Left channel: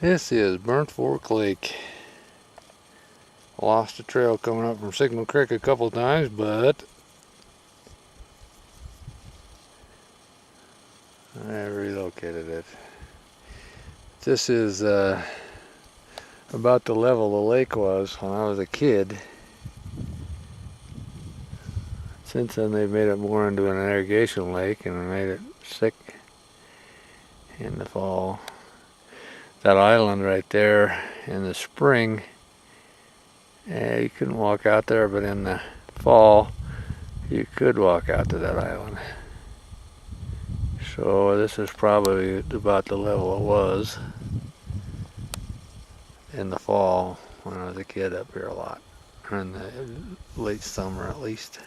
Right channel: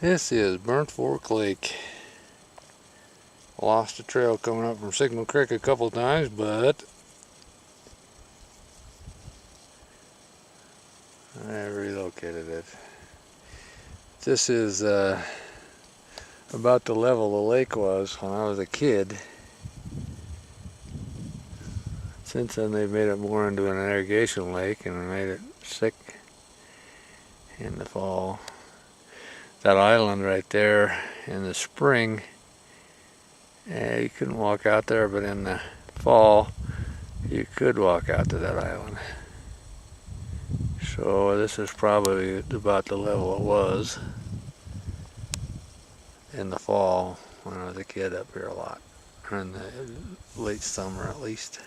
This is Burnt Fork Lake. Lost the trail coming up from Signal Creek a couple times, but I relocated it. This is about the level the lake was when I was a kid. Since then they've made it more into an irrigation lake and made it sick in the fall. That island right there in the spring, you couldn't walk out there, but in the fall you could walk out to that island. So this is probably about the level it was in the fall when I was a kid up here a lot, or in the late summer at least.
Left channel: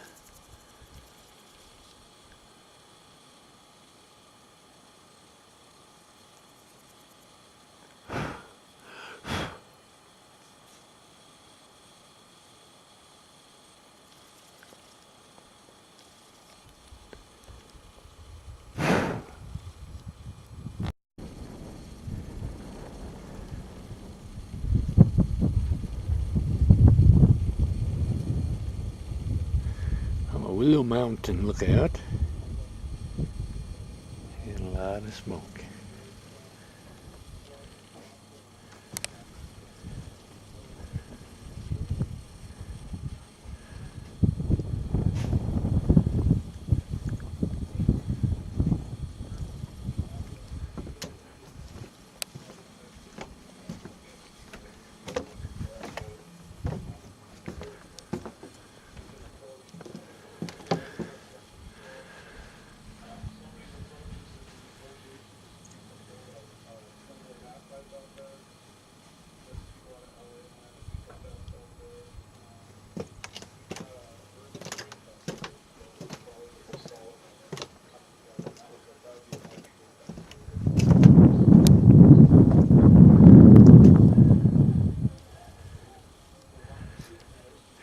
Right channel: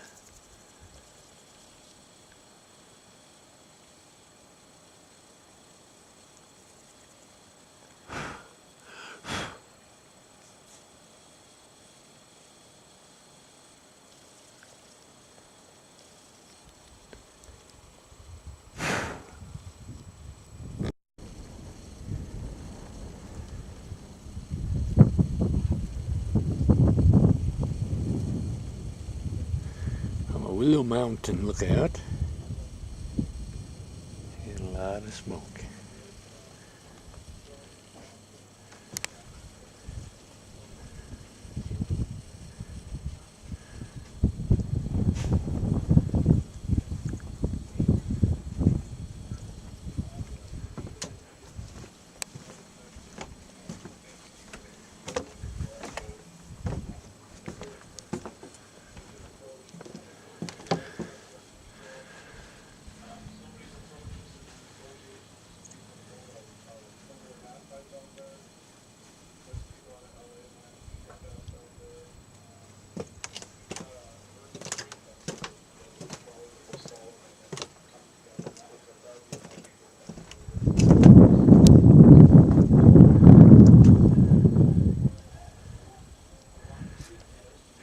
Willow Mountain lookout, and a lot of smoke.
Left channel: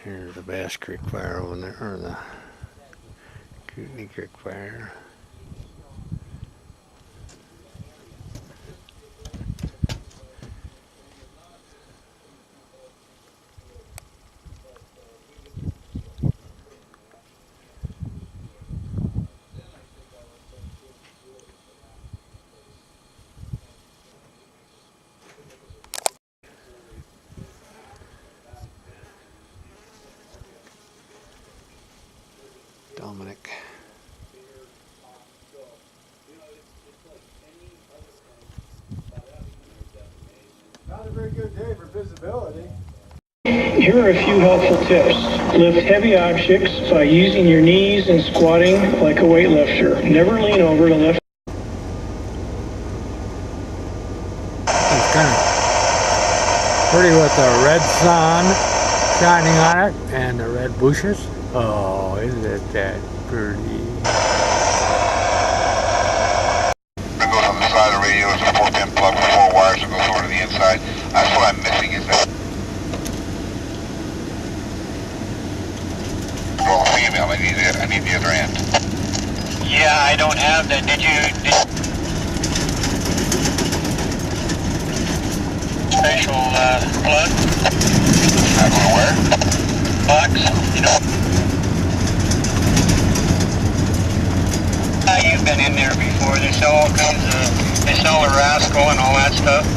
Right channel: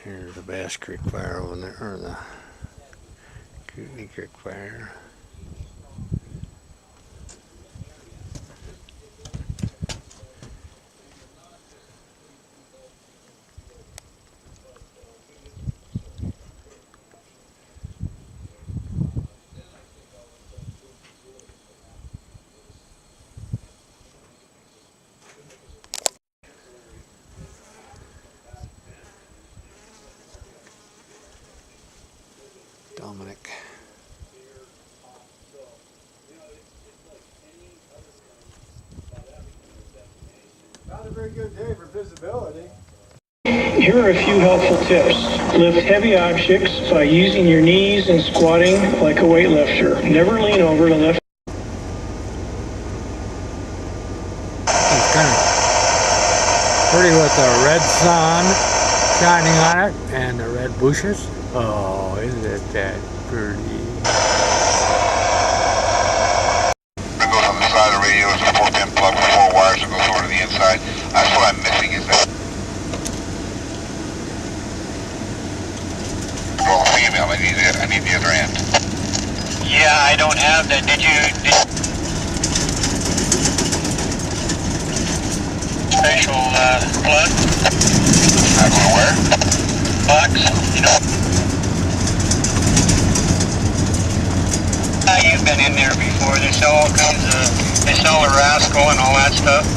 Here's the Bass Creek fire over there, or the Kootenai Creek fire. Dominic. Not a very good day for visibility. Here are a few helpful tips. Lift heavy objects by using your knees and squatting like a weightlifter. Never lean over to lift. It's kind of pretty with the red sun shining on it and the red bushes. Oh, isn't it that pretty? It goes on the side of the radio, it's a 4-pin plug with 4 wires that goes over to the inside. That's what I'm missing is that. Well, female, I need the other end. Yeah, I don't have that. Did you special plug? I go to where? Box, you know. You've been in there before. They sell all kinds of, they sell a rascal and all that stuff.